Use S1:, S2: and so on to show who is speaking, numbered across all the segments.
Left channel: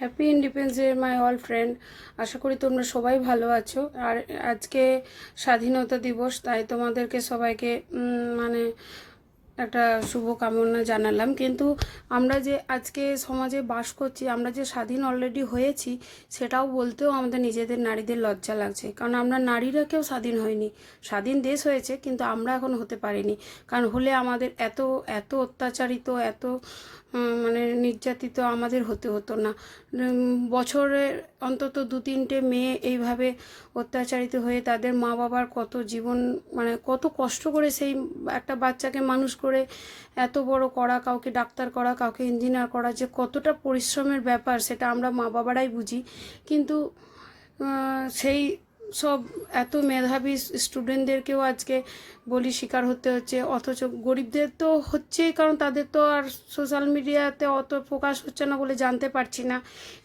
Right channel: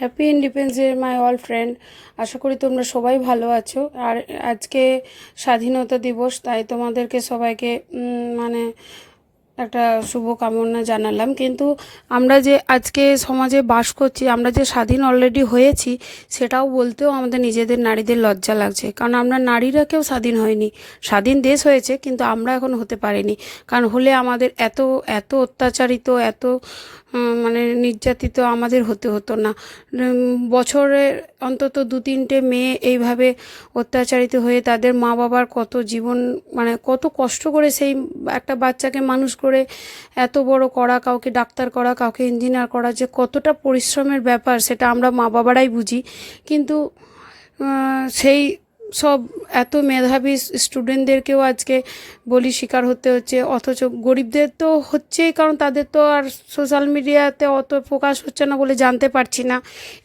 S1: Happy independence day my all friend আশা করি তোমরা সবাই ভালো আছো। আর আজকে স্বাধীনতা দিবস, তাই তোমাদেরকে সবাইকে মানে একটা শুভকামনা জানালাম। কিন্তু আমরা যে আজকে সমাজে বাস করছি, আমরা যে স্বাধীন অলরেডি হয়েছি, সেটাও বলতেও আমাদের নিজেদের নারীদের লজ্জা লাগছে। কারণ আমরা নারীরা কেউ স্বাধীন হয়নি। স্বাধীন দেশ হয়েছে, কিন্তু আমরা এখন হতে পারিনি। কারণ হলে আমাদের এত এত অত্যাচারিত, এত মানে নির্যাতিত আমাদের হতে হতো না। বছরে অন্তত দু তিনটে মেয়ে এইভাবে অত্যাচারিত হয়ে তাদের মা বাবার কত জীবন মানে কত কষ্ট করে সেই একটা বাচ্চাকে মানুষ করে এত বড় করা, কাউকে ডাক্তার করা, কাউকে ইঞ্জিনিয়ার করা যে কতটা পরিশ্রমের ব্যাপার সেটা আমরা মা বাবারাই বুঝি। কিন্তু সেই সব এত মেধাবী স্টুডেন্টদেরকেও আজকে বলি শিকার হতে হচ্ছে, অথচ গরিবদের তো হচ্ছেই, কারণ তাদের তো আর সোশ্যাল মিডিয়াতে অত প্রকাশ হচ্ছে না বলে জানতে পারছি না।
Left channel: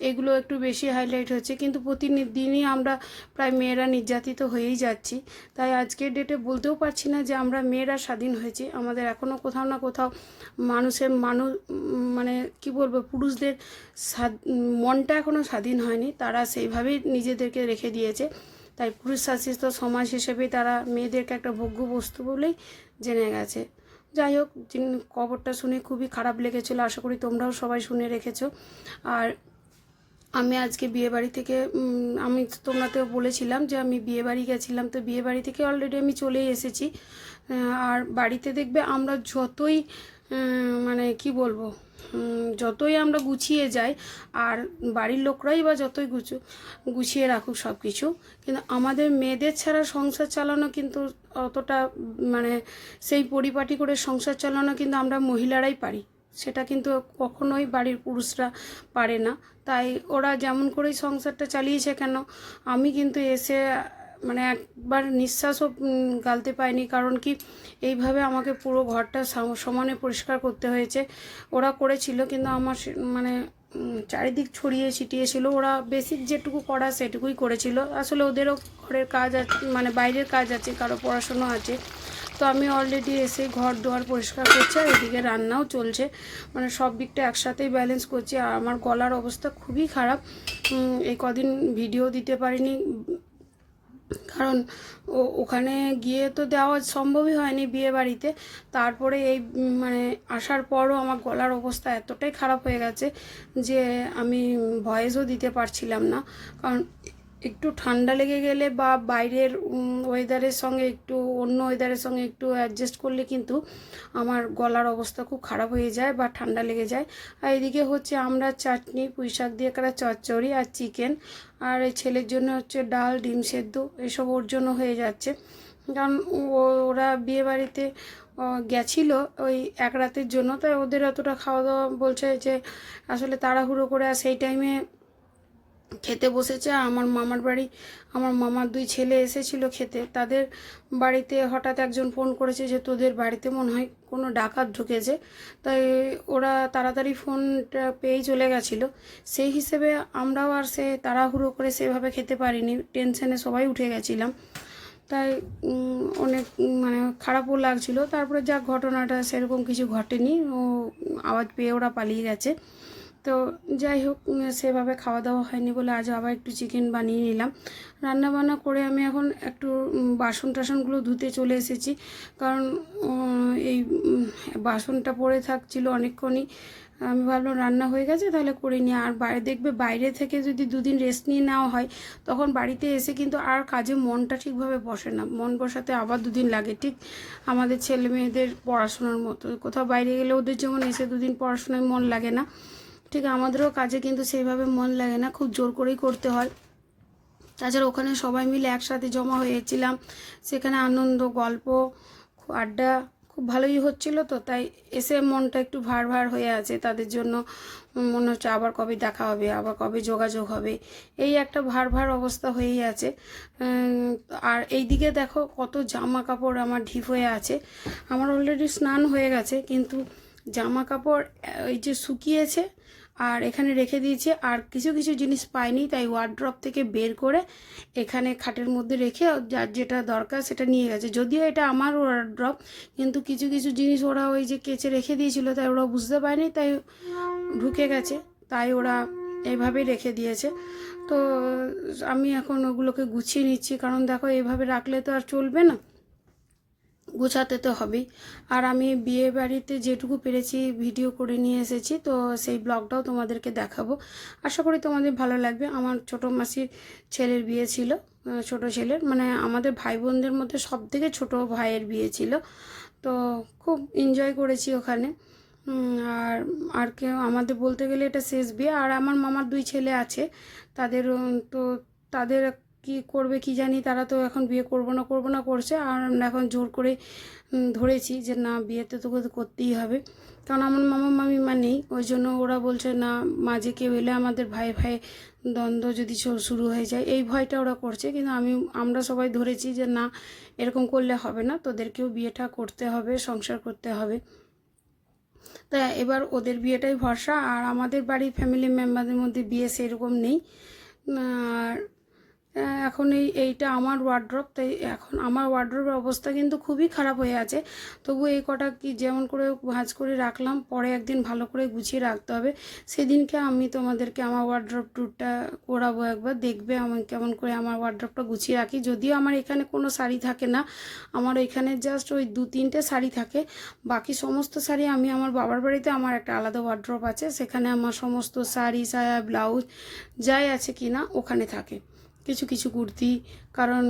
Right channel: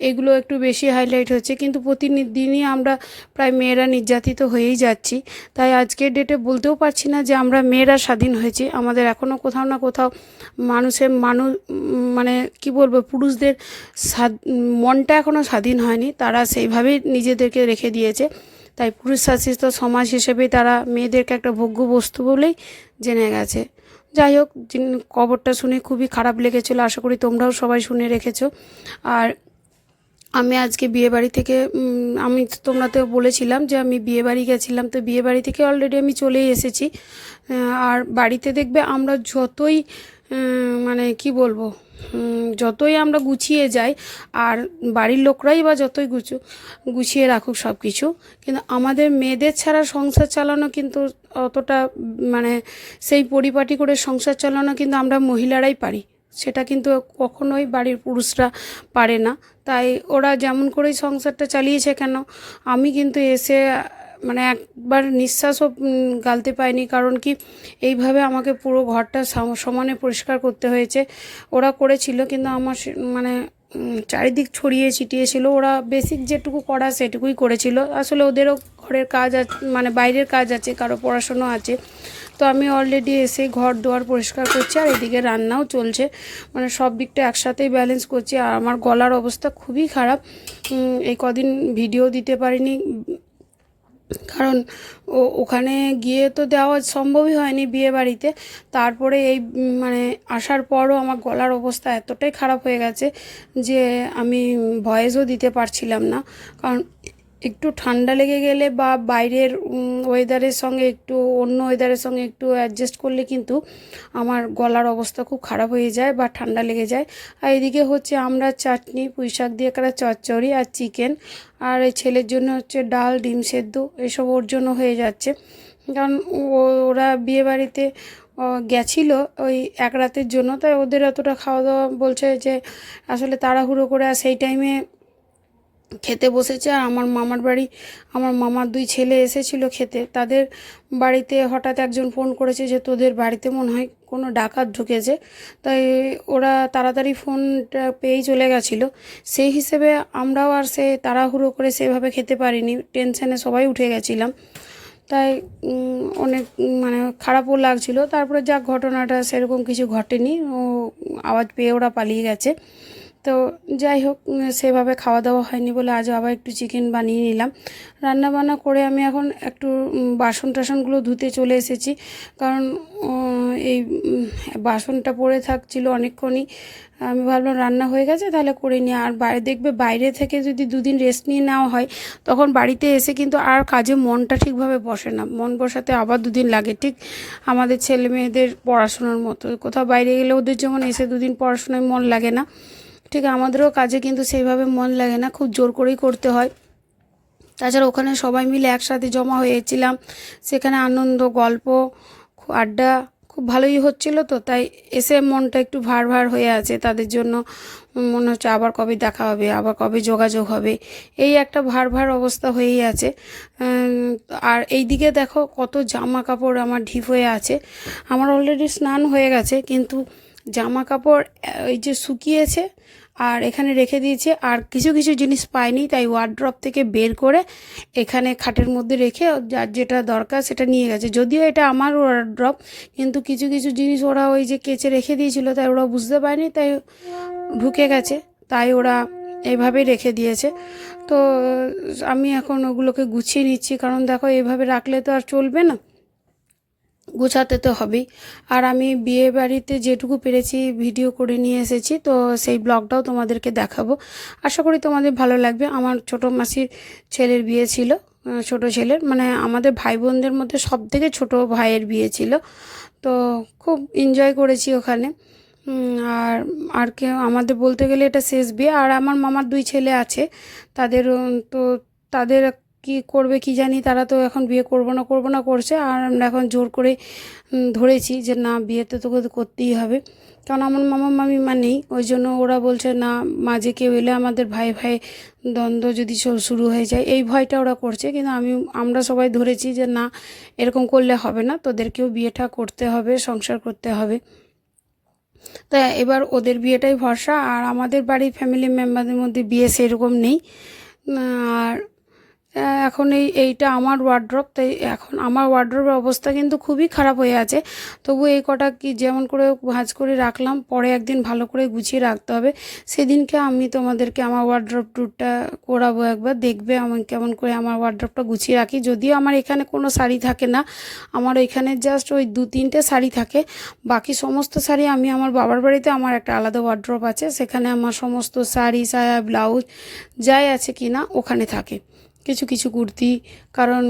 S1: এগুলো একটু বেশি হাইলাইট হচ্ছে, কিন্তু প্রতিদিনই আমরা প্রায় মেয়েরা নির্যাতিত হয়েই যাচ্ছি। তাই আজকের ডেটে বলতেও পারছি না যে আমরা মেয়েরা স্বাধীন হয়েছি। আমাদের এখনও কোথাও না কোথাও মানুষের মানুষ মানে কি বলব, পুরুষদের মনটা এখনও স্বাধীন হয়নি। তারা সেইভাবেই নিজেদেরকে রেখে দিয়েছে। তাই পুরুষ শাসিত সমাজ হিসেবে তারা মেয়েদেরকে একটা ভোগ্য বস্তু বলেই জেনে গেছে। যাই হোক খবরটা শুনে খুবই খারাপ লেগেছিলো, আশা করি তোমরাও সবাই শুনে রেখেছো। আর আমি আজকে বিয়েবাড়ি থেকে আমি তোমরা তো বলেছিলাম যে আমি বিয়েবাড়ি গেছিলাম, তো বিয়েবাড়ি থেকে অলরেডি আমি চলেই এসেছি। আর বাড়িতে দেখবে আমরা যতই মানে কি বলব যতই আমরা গুছিয়ে যাই, আর বাড়ির লোকরাই বা যতই গুছু গুছিয়ে রাখুক সব কিছু কিন্তু আমাদের মেয়েদের ছাড়া সংসার চালানো কিন্তু অতটা মানে সেই পরিপাটি করে সংসার চালানো কিন্তু আমরা মহিলারাই পারি। সেটা কিন্তু কখনোই বাড়ির পুরুষরা পারে না। তাই ওরা যেমন করেই সংসারটা চালিয়েছে কেন, আমি কিন্তু এসে মানে একবার নিঃশ্বাসও গালতে পাইনি কারণ কি, এইভাবে আমাকে পুরো ঘরটা সমানে পরিষ্কার করতে হয়েছে। ওরা করেছিল, কিন্তু আমার মানে চারিদিক ছড়িয়ে ছিটিয়ে ছিল। ওরা বেসিক যেটুকু করা সেটুকুই করেছিল। আসলে ওদেরও ঘরের কাজ আছে মানে বাইরের কাজ আছে, কারও পড়াশোনা আছে। তো আমি অলরেডি এসে ঘর দুয়ার পরিষ্কার করছি আর এদিকে রান্নাও চলছে। মানে সব দিকটা একসাথেই ব্যালেন্স করছি। আর আমার গলার অবস্থা খুবই খারাপ। এই কদিন ভিডিও দিতে পারিনি। কারণ ওখানে গিয়ে তো দেওয়া সম্ভবই হয়নি বিয়ে বাড়িতে। তারপরে এই মানে আসার পরও আমার গলার অবস্থা এতটাই খারাপ হয়ে গেছে যে আমি ভয়েসও দিতে পারছিলাম না। কারণ একটু ঠান্ডা লেগে গেলে বা বাইরের ওয়েদারের সঙ্গে একটু, অন্য ওয়েদারের সঙ্গে একটু অ্যাডজাস্ট করলে কিন্তু আমার গলার অবস্থা খুব খারাপ হয়ে যায় বা ঠান্ডা লেগে যায়। আর এদিকে হচ্ছে আমরা চাটনি পুঁই শাক দিয়ে করা চচ্চড়ি আর চিকেন আর এই ছেলের জন্য হচ্ছে ডাল, ডিম সেদ্ধ এসব ওর জন্য হয়ে যাচ্ছে। কারণ ওরা বিয়ে বাড়িতে গেছিল ওই এক রাতের জন্য, তাই ওদের অতটা খাওয়া দাওয়া বলছে যে আসলে তাড়াহুড়ো করে আর সেই টাইমে খেতে বসেছে আর আমার মামার বাড়ি, আমার মামার দুই ছেলে এসেছিল খেতে। তাদের বাড়িতে হঠাৎ একজন ফোন করেছে যে, তোদের বাড়িতে মনে হয় কোনো ডাকাত ঢুকেছে? তাই ওরা তাড়াতাড়ি ফোনটা পেয়েই চলে গেছিল। সেই হিসেবে আমরাও আর সে তাড়াহুড়ো করে সেভাবে খেতে পারিনি। টেনশনে সবাই উঠে গেছিলাম। তাই অনেক মানে খারাপও লাগছিল। তারপরে যা ঘটনাটা সেরকম কিছু ঘটেনি। ও আওয়াজ পেয়ে ওরা পালিয়ে গেছে। তো যাই হোক সেভাবে খাওয়া দাওয়া হয়নি বলে আজ আবার একটু চিকেন বানিয়ে নিলাম। রান্না বান্না করে আমি এখন একটু বাসন টাসনগুলো ধুতে চলে এসেছি। কারণ এই বাসনটা পড়ে থাকছিল অনেকক্ষণই। আমি ভাবলাম রান্না হয়ে গেছে, তাহলে করে নিই। আর বাইরে দেখবে বাইরে থেকে যদি দুদিন রেস্ট নিয়ে নেওয়া হয়, তখন বাড়িতে এসে কিন্তু আর কাজে মনটা ঠিকভাবে বসে না। মন বসাতে আবার দুদিন লাগে। ঠিক আমাদের ছেলে মেয়েদের পড়াশোনার মতো। কোথাও বাইরে গেলে ওদের যেমন এসে দুদিন পড়াশোনায় মন লাগে না। ঠিক আমাদেরও কাজে কিন্তু সেইভাবে মন লাগে না, খুব জোর করেই করতে হয়। তাছাড়া ওখানে সবাই মিলে একসাথে জমা হয়েছিলাম, সেখানে আনন্দ, গল্প আড্ডা খুব ভালোই হচ্ছিল তো, তাই এসে মনটা একটু ভার ভার হয়ে আছে তাদের জন্য। মনে হচ্ছে আবার কবে দেখা হবে, আবার কবে যোগাযোগ হবে, এই একটা ভার ভার অবস্থা হয়েই আছে। আর এইদিকে দেখো কত জামা কাপড় আমার ঢিপ হয়ে আছে। আমার অলরেডি স্নান হয়ে গেছে, কিন্তু জামা কাপড় এই যে শুকিয়েছে আর এখানে রেখে দিয়েছে। আর কিছু কিছু জিনিস পাইনি, তাই ওয়ার্ড্রপ থেকে বের করে এখানে খাটের মধ্যে রেখে যার যেটা দরকার সেটা নিয়ে গেছে। যদিও এটা আমার ওয়ার্ড্রপ কিন্তু কিছু কিছু জিনিস ওরা ওই যে কেচে রেখে দিয়েছিল, তাই ওরা বুঝতে পারেনি, তাই ঢুকে গেছে, তাই ওরা এইভাবেই রেখে দিয়েছে। তো আমি এখন ওগুলোকে গুছিয়ে নিচ্ছি, কারণ দেখো এভাবে রাখলে তো আর চলবে না। গোছাতে তো হবেই। আর আমি বিয়ে বাড়িতে যেটুকু পেরেছি ভিডিও করে নিয়ে এসেছি, তো সেই ব্লগটাও তোমাদেরকে দেখাবো। আশা করি তোমাদের ভালো লাগবে। আমার ছোটো মাসির ছেলের বিয়ে ছিল ছোটো ছেলের মানে আমাদের ভাই বোনদের মধ্যে সব থেকে ছোটো ভাইয়ের বিয়ে ছিল। তো খুব এনজয় করেছি ওখানে। আর আর কে আমাদের বলতে গেলে এটা শেষ বিয়ে। আর আমার মামার দুই ছেলে আছে, তাদের তো তাদের কি করবে কি জানি, তারা তো এখন বিয়ে করব না করব না করছে। আর আমরা এখন জোর করে ধরেছি যে না তোকে তো করতেই হবে। কারণ আমার মামা মামিমা নেই, ওই জন্য ওরা বলছে, না, মাঝে কেউ এলে আমাদের ভাই ভাই দ্বন্দ্ব যদি শুরু হয়ে যায়। এই ভয়টা ওরা করছে। কিন্তু আমি, আমরা সবাই ধরেছি যে, না, এরকম করলে হবে না। তোদেরকেও বিয়েটা করতে হবে, সংসার করতে হবে। তা এবার ওদের বিয়েটাই ভরসা। আর আমাদের বাড়ির ফ্যামিলি মেম্বারদের মধ্যে বিয়ে সেরকম নেই। আর এখন এই এইটা আমার ওয়ার্ড্রপ তাই এখন আমার ওয়ার্ড্রপের অবস্থা কিন্তু খুবই খারাপ হয়ে আছে। তবু এই কটা কি যেমন করে ভাঁজ করে রাখলাম, পরে একদিন ভালো করে গুছিয়ে রাখতে হবে। সেদিনকে আমি তোমাদেরকে আমার ওয়ার্ড্রপ ট্যুরটা করাবো একবার, দেখবে আমি কেমন করে আমার ওয়ার্ড্রপটা গুছিয়ে রাখি। যদিও আমার এখানে কোনো শাড়ি থাকে না, আমার এখানে জাস্ট ওই দু তিনটে শাড়ি থাকে। বাকি সমস্ত শাড়ি আমি আমার বাবার বাড়িতে আমার একটা আলাদা ওয়ার্ড্রপ আছে, সেখানে আমার সমস্ত শাড়ি, সায়া ব্লাউজ যাই আছে কি না ওখানে থাকে। কিছু কিছু কুর্তি। কারণ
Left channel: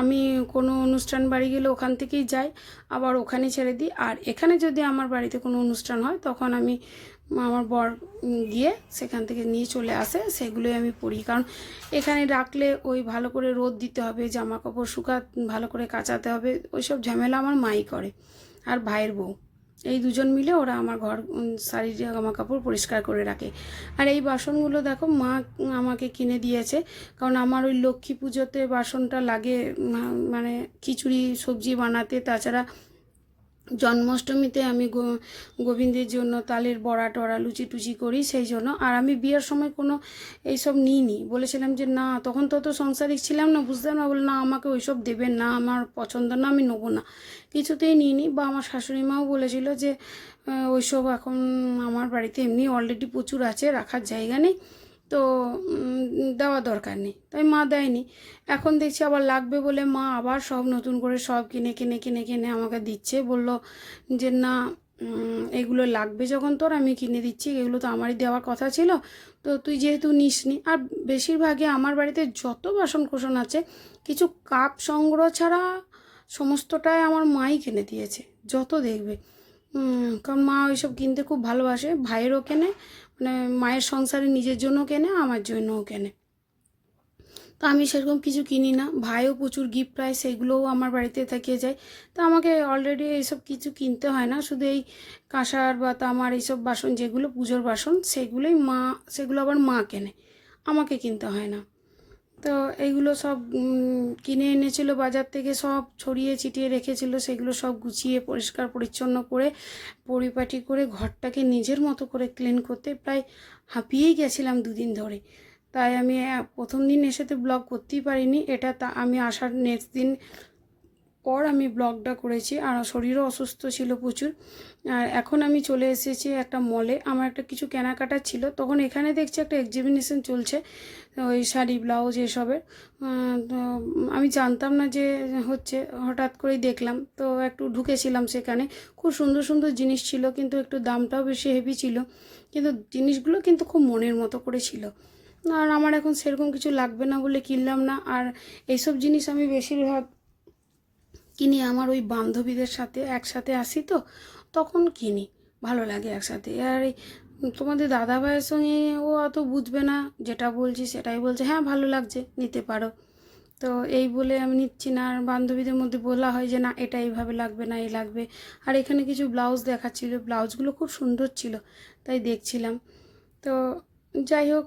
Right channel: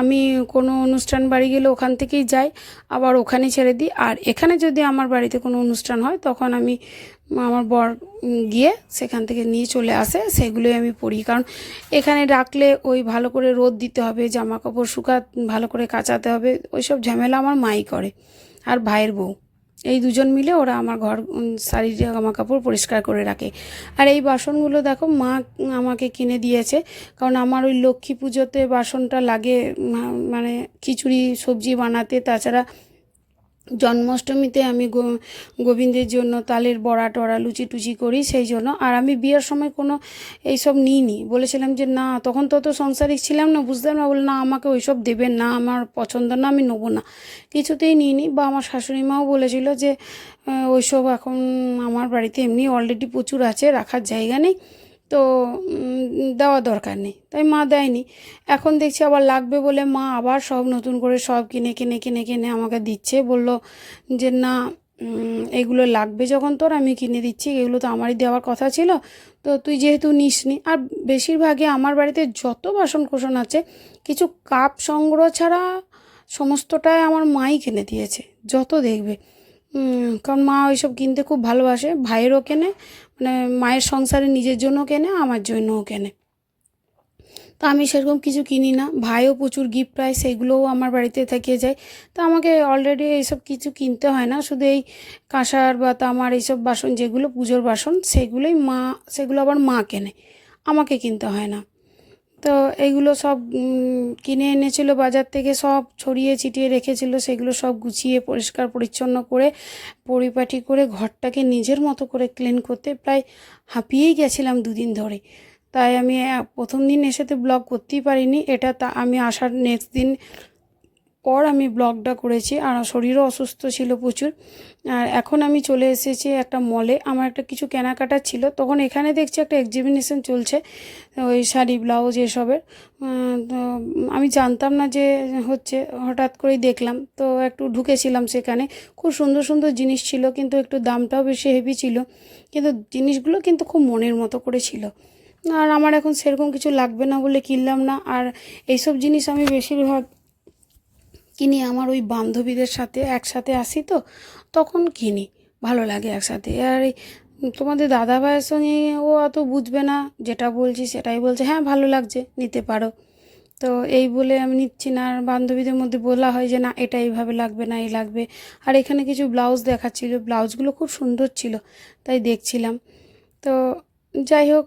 S1: আমি কোনো অনুষ্ঠান বাড়ি গেলে ওখান থেকেই যাই, আবার ওখানে ছেড়ে দিই। আর এখানে যদি আমার বাড়িতে কোনো অনুষ্ঠান হয়, তখন আমি আমার বর গিয়ে সেখান থেকে নিয়ে চলে আসে, সেগুলোই আমি পরি। কারণ এখানে রাখলে ওই ভালো করে রোদ দিতে হবে, জামা কাপড় শুকা ভালো করে কাচাতে হবে, ওইসব ঝামেলা আমার মাই করে, আর ভাইয়ের বউ। এই দুজন মিলে ওরা আমার ঘর শাড়ি, জামা কাপড় পরিষ্কার করে রাখে। আর এই বাসনগুলো দেখো, মা আমাকে কিনে দিয়েছে। কারণ আমার ওই লক্ষ্মী পুজোতে বাসনটা লাগে মানে খিচুড়ি, সবজি বানাতে, তাছাড়া জন্মাষ্টমীতে আমি গোবিন্দের জন্য তালের বড়া টড়া লুচি টুচি করি সেই জন্য। আর আমি বিয়ের সময় কোনো এইসব নিইনি। বলেছিলাম যে না, তখন তো তো সংসারিক ছিলাম না বুঝতাম না। বলে, না, আমাকে ওইসব দেবেন না, আমার পছন্দ না, আমি নেব না। কিছুতেই নিইনি। বা আমার শাশুড়ি মাও বলেছিল যে ওইসব এখন আমার বাড়িতে এমনি অলরেডি প্রচুর আছে, রাখার জায়গা নেই। তো দেওয়া দরকার নেই। তাই মা দেয়নি। এখন দেখছি আবার লাগবে বলে মা আবার সব নতুন করে সব কিনে কিনে কিনে কিনে আমাকে দিচ্ছে। বলল যে, না এগুলো লাগবে যখন তোর, আমি কিনে দিচ্ছি। এগুলো তো আমারই দেওয়ার কথা ছিল। তো তুই যেহেতু নিসনি। আর বেশিরভাগই আমার বাড়িতে যত বাসন কোসন আছে, কিছু কাপ সংগ্রহ ছাড়া সমস্তটাই আমার মাই কিনে দিয়েছে, যত দেখবে। কারণ মা ওইসব কিনতে খুব ভালোবাসে। ভাইয়েরও কেনে মানে মায়ের সংসারে নিজের জন্য কেনে, আমার জন্যও কেনে। তো আমি সেরকম কিছু কিনি না। ভাইও প্রচুর গিফট পায়, সেইগুলোও আমার বাড়িতে থেকে যায়। তো আমাকে অলরেডি এইসব কিছু কিনতে হয় না। শুধু এই কাঁসার বা তামার এইসব বাসন, যেগুলো পুজোর বাসন, সেগুলোই মা, সেগুলো আবার মা কেনে। আমাকে কিনতে হয় না। তো এইগুলো সব কিনে এনেছিল বাজার থেকে, সব ছড়িয়ে ছিটিয়ে রেখেছিল, সেগুলো সব গুছিয়ে পরিষ্কার পরিচ্ছন্ন করে, পরিপাটি করে, ঘরটাকে নিজের মতো করে ক্লিন করতে প্রায় হাঁপিয়েই গেছিলাম দুদিন ধরে। তাই আমি প্রথম দিন এসে তো ব্লগ করতেই পারিনি, এটা তা, আমি আসার নেক্সট দিন পর আমি ব্লগটা করেছি, আর শরীরও অসুস্থ ছিল প্রচুর। আর এখন আমি চলে এসেছি একটা মলে আমার একটা কিছু কেনাকাটা ছিল, তখন এখানে দেখছি একটা এক্সিবিশন চলছে, ওই শাড়ি ব্লাউজ এসবের। তো আমি জানতাম না যে হচ্ছে, হঠাৎ করেই দেখলাম। তো একটু ঢুকেছিলাম সেখানে। খুব সুন্দর সুন্দর জিনিস ছিল, কিন্তু একটু দামটাও বেশি হেভি ছিল। কিন্তু জিনিসগুলো কিন্তু খুব মনের মতো করে ছিল। আর আমার এখন সেরকম কিছু লাগবে না বলে কিনলাম না। আর এইসব জিনিস আমি বেশিরভাগ কিনি আমার ওই বান্ধবীদের সাথে একসাথে আসি তো, তখন কিনি, ভালো লাগে একসাথে। আর তোমাদের দাদা ভাইয়ের সঙ্গে ও অত বুঝবে না, যেটা বলছি সেটাই বলছে হ্যাঁ ভালো লাগছে, নিতে পারো। তো এই বলে আমি নিচ্ছি না, আর বান্ধবীদের মধ্যে বলা হয় যে, না, এটা এইভাবে লাগবে না, এই লাগবে। আর এখানে কিছু ব্লাউজ দেখাচ্ছিল, ব্লাউজগুলো খুব সুন্দর ছিল, তাই দেখছিলাম। তো যাই হোক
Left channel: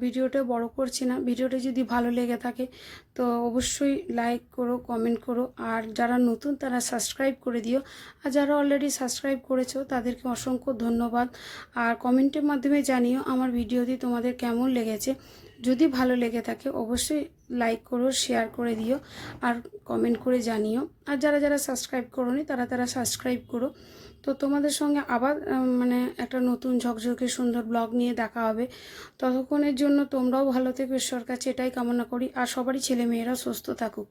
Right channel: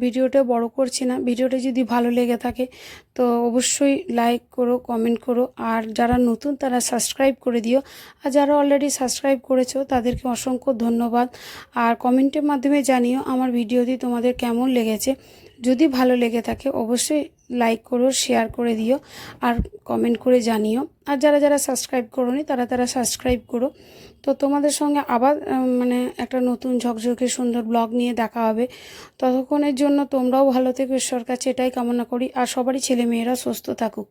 S1: ভিডিওটা বড় করছি না। ভিডিওটা যদি ভালো লেগে থাকে, তো অবশ্যই লাইক করো কমেন্ট করো। আর যারা নতুন, তারা সাবস্ক্রাইব করে দিও। আর যারা অলরেডি সাবস্ক্রাইব করেছ, তাদেরকে অসংখ্য ধন্যবাদ। আর কমেন্টের মাধ্যমে জানিও আমার ভিডিওটি তোমাদের কেমন লেগেছে। যদি ভালো লেগে থাকে, অবশ্যই লাইক করো শেয়ার করে দিও। আর কমেন্ট করে জানিও। আর যারা যারা সাবস্ক্রাইব করোনি, তারা তারা সাবস্ক্রাইব করো। তো তোমাদের সঙ্গে আবার মানে একটা নতুন ঝকঝকে সুন্দর ব্লগ নিয়ে দেখা হবে। ততক্ষণের জন্য তোমরাও ভালো থেকো, ঈশ্বর কাছে এটাই কামনা করি। আর সবারই ছেলে মেয়েরা সুস্থ থাকুক।